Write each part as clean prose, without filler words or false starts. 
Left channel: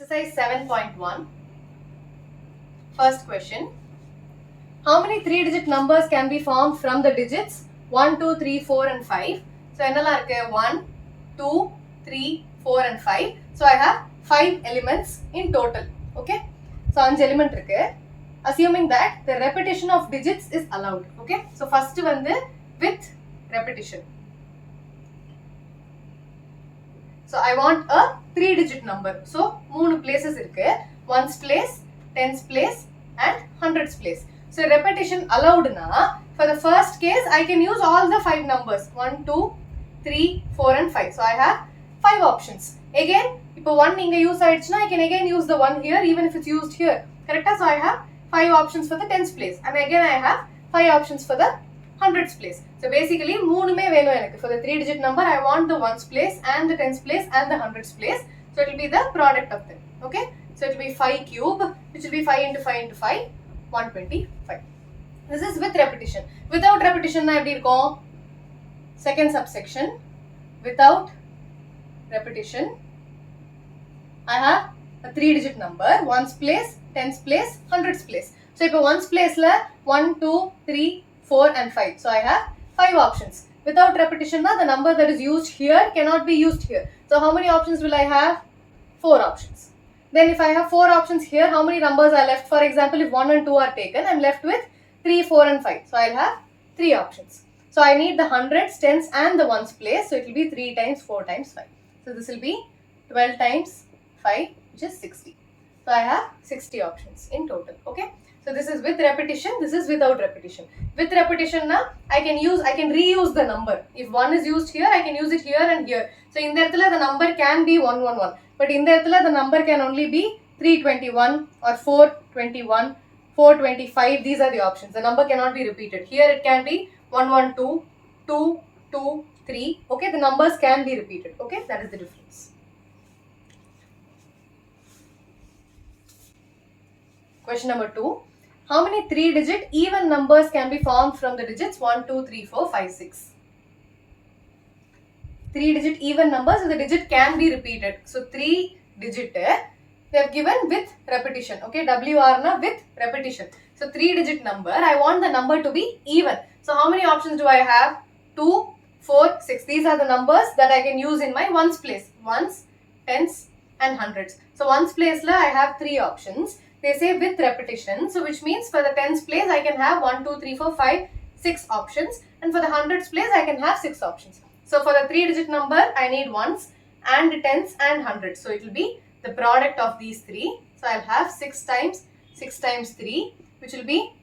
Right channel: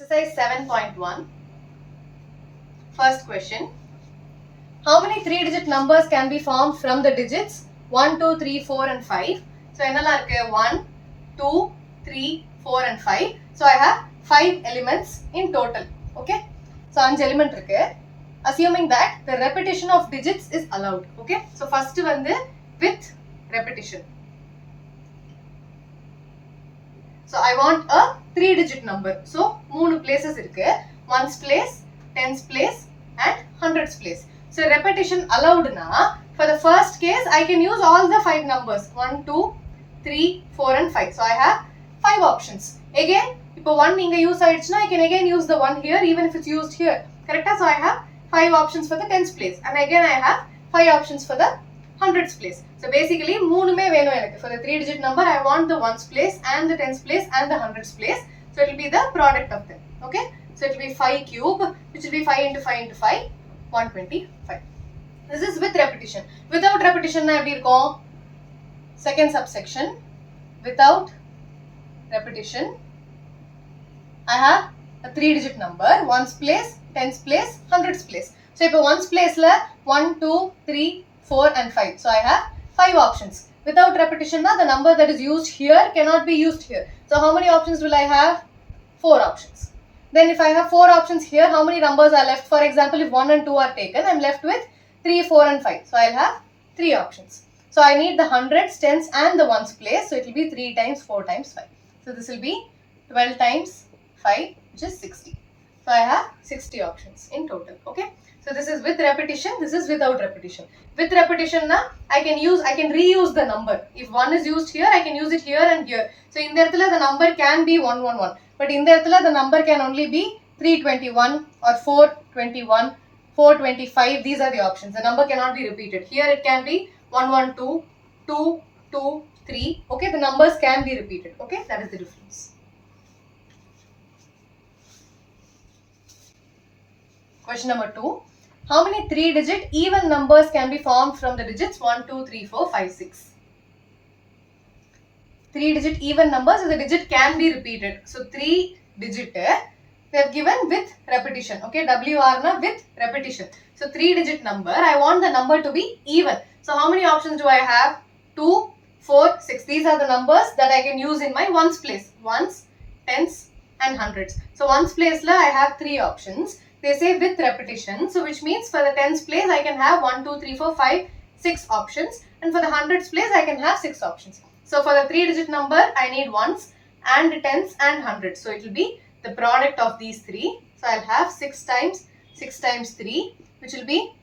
Exercise 7.1. First question. How many 3-digit numbers can be formed from the digits 1, 2, 3, 4 and 5? So, 1, 2, 3, 4 and 5. So, I have 5 elements in total. Okay. So, 5 element irukke. Assuming that the repetition of digits is allowed. Okay. So, first vandu with repetition. So, I want a 3-digit number. So, 3 places irukke. 1's place, 10's place and 100's place. So, repetition allowed na. For the first case, I can use all the 5 numbers. 1, 2, 3, 4 and 5. So, I have 5 options. Again, if 1 inga use aichna, I can again use the 1 here even if it's used here. Correct? So, I have 5 options for the 10's place. And again, I have 5 options for the 100's place. So, basically, 3 venu enakku. For the 3-digit number, I want the 1's place and the 10's place and the 100's place. So, it will be the product of them. Okay? So, it will be 5 cube, which will be 5 into 5 into 5, 125. This is with repetition. Without repetition, na eppadi irukum? Second subsection. Without repetition, I have a 3-digit number, 1's place, 10's place, 100's place. So, if 1's place la 1, 2, 3, 4 and 5. So, I have 5 options. Without repetition, na, the number that is used here cannot be used here. So, how many options will I have? 4 options. Then if I have 4 options here, how many numbers are left? For example, if 1 and 2 are taken, I am left with 3, 4 and 5. So, I will have 3 options. So, I need the 100s, 10s and the 1's place. So, it will be 3 times 4 times 5. So, this will be 12 times 5, which is 60. So, I have 60 options in total. Okay. So, this is with repetition. This is without repetition. With repetition, na, I can reuse the number. If 1 is used here, I can use it here and here. So, in there, the number can be 111. But in there, the number can only be 321 or 421, 425. These are the options. The number cannot be repeated. Here, it can be 112, 2, 2, 3. Okay, the numbers can be repeated. Okay, that is the difference. Question number 2. How many 3-digit even numbers can be formed from the digits 1, 2, 3, 4, 5, 6? 3-digit even numbers, so the digit can be repeated. So, 3-digit, they have given with repetition. Okay, WR na with repetition. So, 3-digit number, I want the number to be even. So, how many options do I have? 2, 4, 6. These are the numbers that I can use in my 1's place. 1's, 10's and 100's. So, 1's place la I have 3 options. They say with repetition. So, which means for the 10's place, I can have 1, 2, 3, 4, 5, 6 options. And for the 100's place, I can have 6 options. So, for the 3-digit number, I need 1's and 10's and 100's. So, it will be the product of these 3. So, I will have 6 times 3, which will be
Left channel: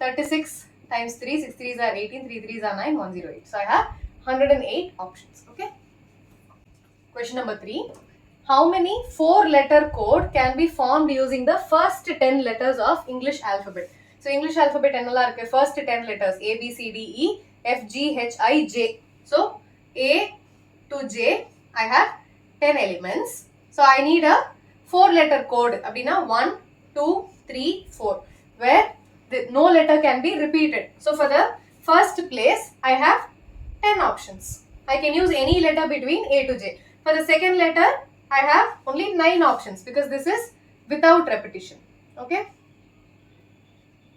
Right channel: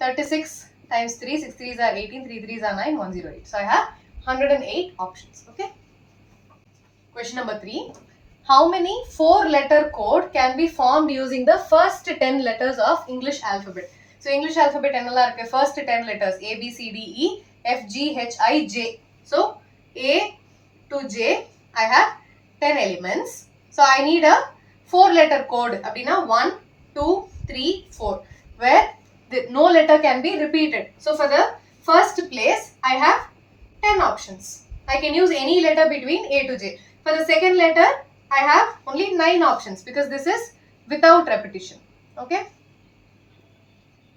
36 times 3. 6 3s are 18, 3 3s are 9, 108. So, I have 108 options. Okay. Question number 3. How many 4-letter code can be formed using the first 10 letters of English alphabet? So, English alphabet first 10 letters A, B, C, D, E, F, G, H, I, J. So, A to J, I have 10 elements. So, I need a 4-letter code. Abdina 1, 2, 3, 4. Where no letter can be repeated. So, for the first place, I have 10 options. I can use any letter between A to J. For the second letter, I have only 9 options because this is without repetition. Okay.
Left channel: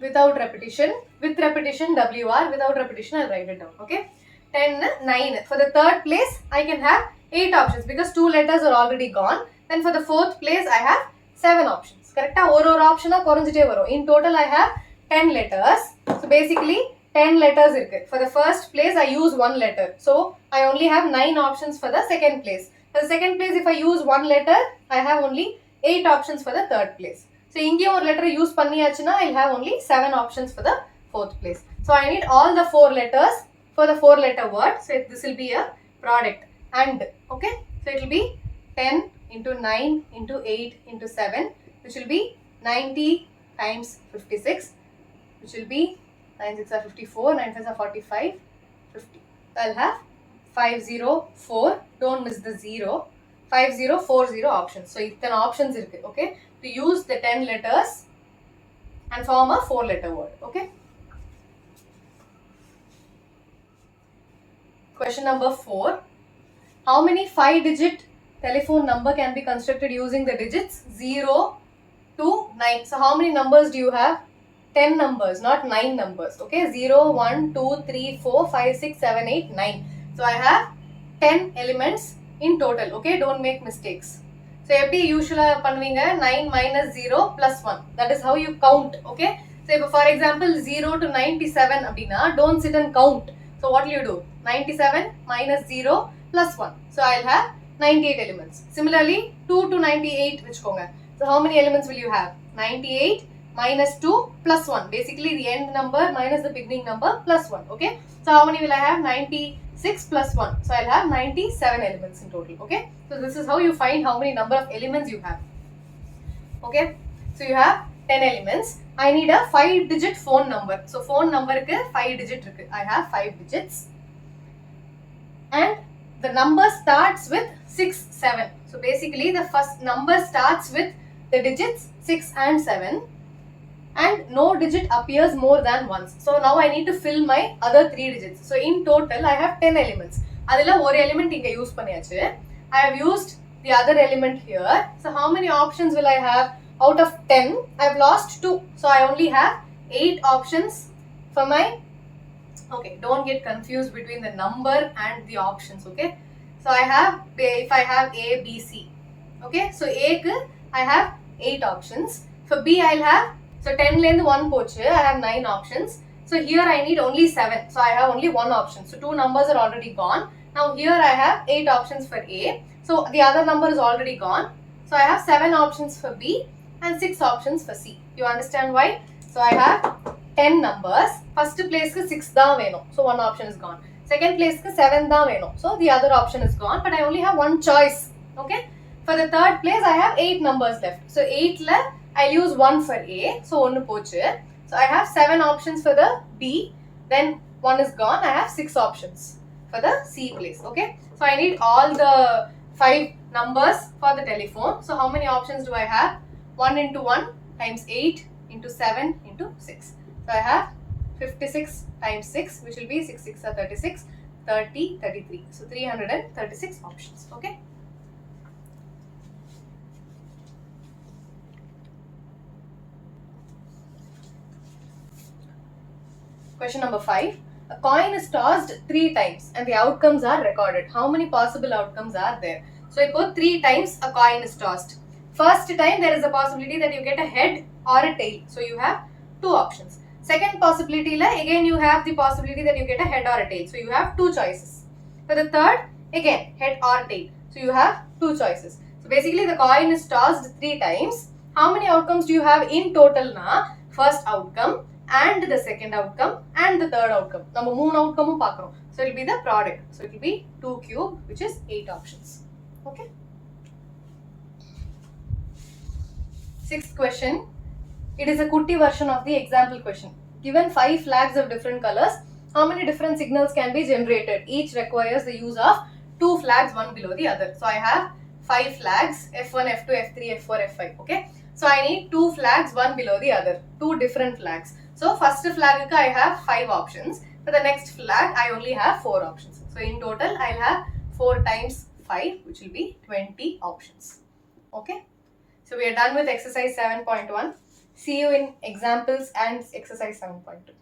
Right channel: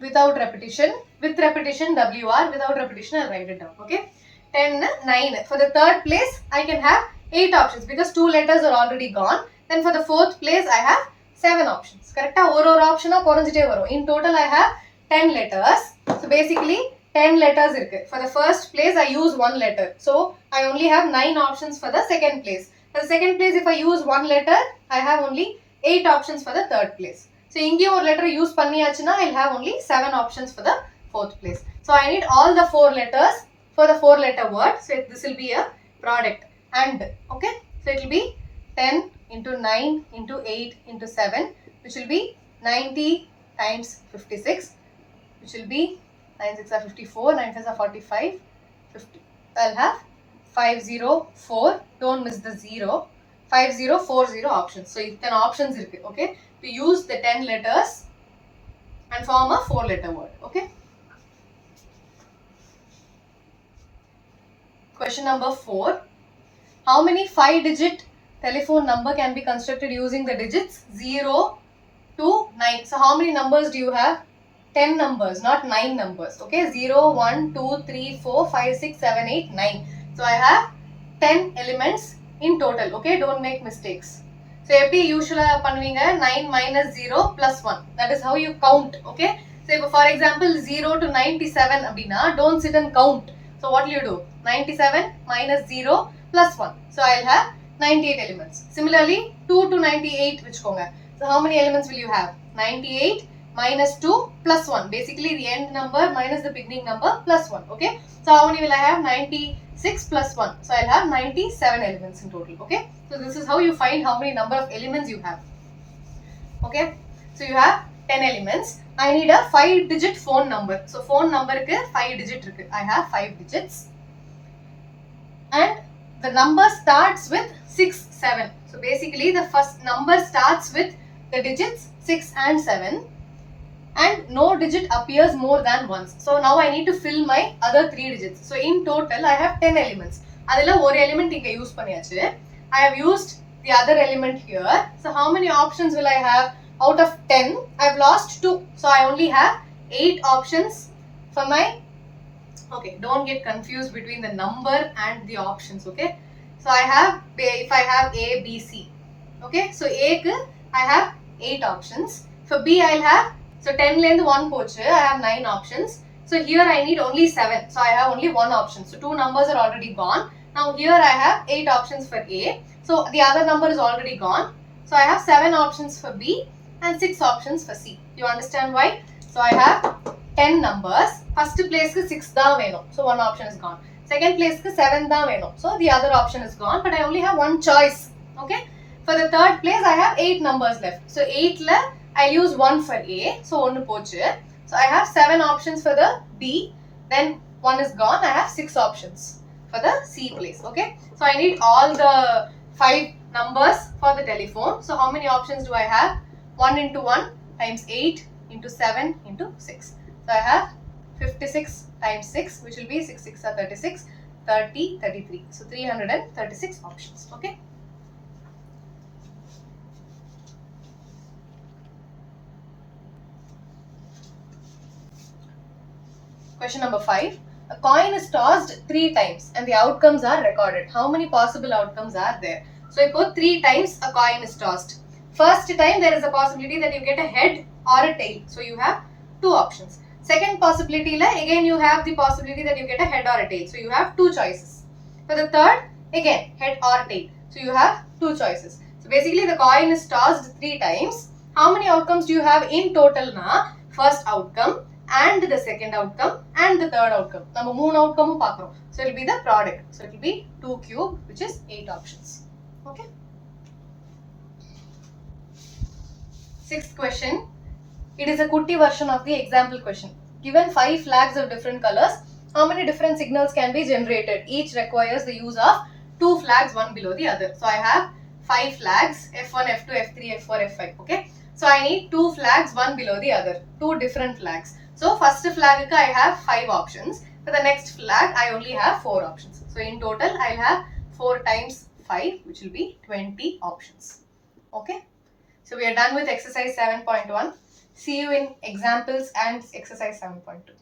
Without repetition. With repetition, WR. Without repetition, I'll write it down. Okay. 10, 9. For the third place, I can have 8 options because 2 letters are already gone. Then for the fourth place, I have 7 options. Correct? Or option in total, I have 10 letters. So basically, 10 letters. For the first place, I use 1 letter. So I only have 9 options for the second place. For the second place, if I use 1 letter, I have only 8 options for the third place. So inge or letter use panniyachuna, I'll have only 7 options for the fourth place. So I need all the 4 letters for the 4-letter word. So this will be a product and. Okay. So it will be 10 into 9 into 8 into 7, which will be 90 times 56, which will be 9 6 are 54, 9 5 are 45, 50. I'll have 504. Don't miss the 0. 5040 options. So, 10 options irukku. Okay. To use the 10 letters and form a 4-letter word. Okay. Question number 4. How many 5-digit telephone number can be constructed using the digits 0 to 9. So how many numbers do you have? 10 numbers, not 9 numbers. Okay, 0, 1, 2, 3, 4, 5, 6, 7, 8, 9. So I have 10 elements in total. Okay, don't make mistakes. So எப்படி usually பண்ணுவீங்க 9 minus 0 plus 1. That is how you count. Okay. So if for example 0 to 97 அப்படினா don't sit and count. So what will you do? 97 minus 0 plus 1. So I'll have 98 elements. Similarly 2 to 98 வச்சுக்கோங்க. So how many elements will you have? 98 minus 2 plus 1. Basically the end number minus the beginning number plus 1. Okay. So how many will I have? 96 plus 1. So I'll have 97 elements in total. Okay. So this is how you find how many number of elements you have. Okay. So you have 10 elements. I need a 5-digit phone number. So phone number ku 5 digit irukku. I have 5 digits. And the number starts with 6, 7. So basically the first number starts with the digits 6 and 7. And no digit appears more than once. So now I need to fill my other 3 digits. So in total I have 10 elements. Adila one element inga use பண்ணியாச்சு. I have used the other element here. So how many options will I have? Out of 10, I have lost 2. So I only have 8 options for my, okay, don't get confused between the number and the options, okay? So I have, if I have A, B, C, okay? So A ku I have 8 options. For B I'll have, so 10 length 1 pochu, I have 9 options. So here I need only 7. So I have only 1 option. So 2 numbers are already gone. Now here I have 8 options for A. So the other number is already gone. So I have 7 options for B and 6 options for C. You understand why? So I have 10 numbers. First place ku 6 da venum. So one option is gone. Second place ku 7 da venum. So the other option is gone. But I only have one choice. Okay. For the third place I have 8 numbers left. So 8 la I'll use 1 for A. So 1 pochu. So I have 7 options for the B. Then 1 is gone. I have 6 options for the C place. Okay. So I need all the 5 numbers for the telephone. So how many options do I have? 1 into 1 times 8 into 7 into 6. So I have 56 times 6, which will be 6 6 are 36, 30, 33. So 336 options. Okay. Question number 5. A coin is tossed 3 times and the outcomes are recorded. How many possible outcomes are there? So I put 3 times a coin is tossed. First time there is a possibility that you get a head or a tail. So you have 2 options. Second possibility la again you have the possibility that you get a head or a tail. So you have 2 choices. For the third, again head or tail. So you have 2 choices. So basically the coin is tossed 3 times. How many outcomes do you have in total na? First outcome and the second outcome and the third outcome. நம்ம 3 outcome பார்க்கறோம். So it will be the product. So it will be 2 cube, which is 8 options. Okay. Sixth question. It is a kutti version of the example question. Given 5 flags of different colors, how many different signals can be generated? Each requires the use of 2 flags, one below the other. So I have 5 flags, F1, F2, F3, F4, F5. Okay. So I need 2 flags, one below the other. 2 different flags. So first flag I have 5 options. For the next flag I only have 4 options. So in total I'll have 4 times 5, which will be 20 options. Okay. So we are done with exercise 7.1. See you in examples and exercise 7.2.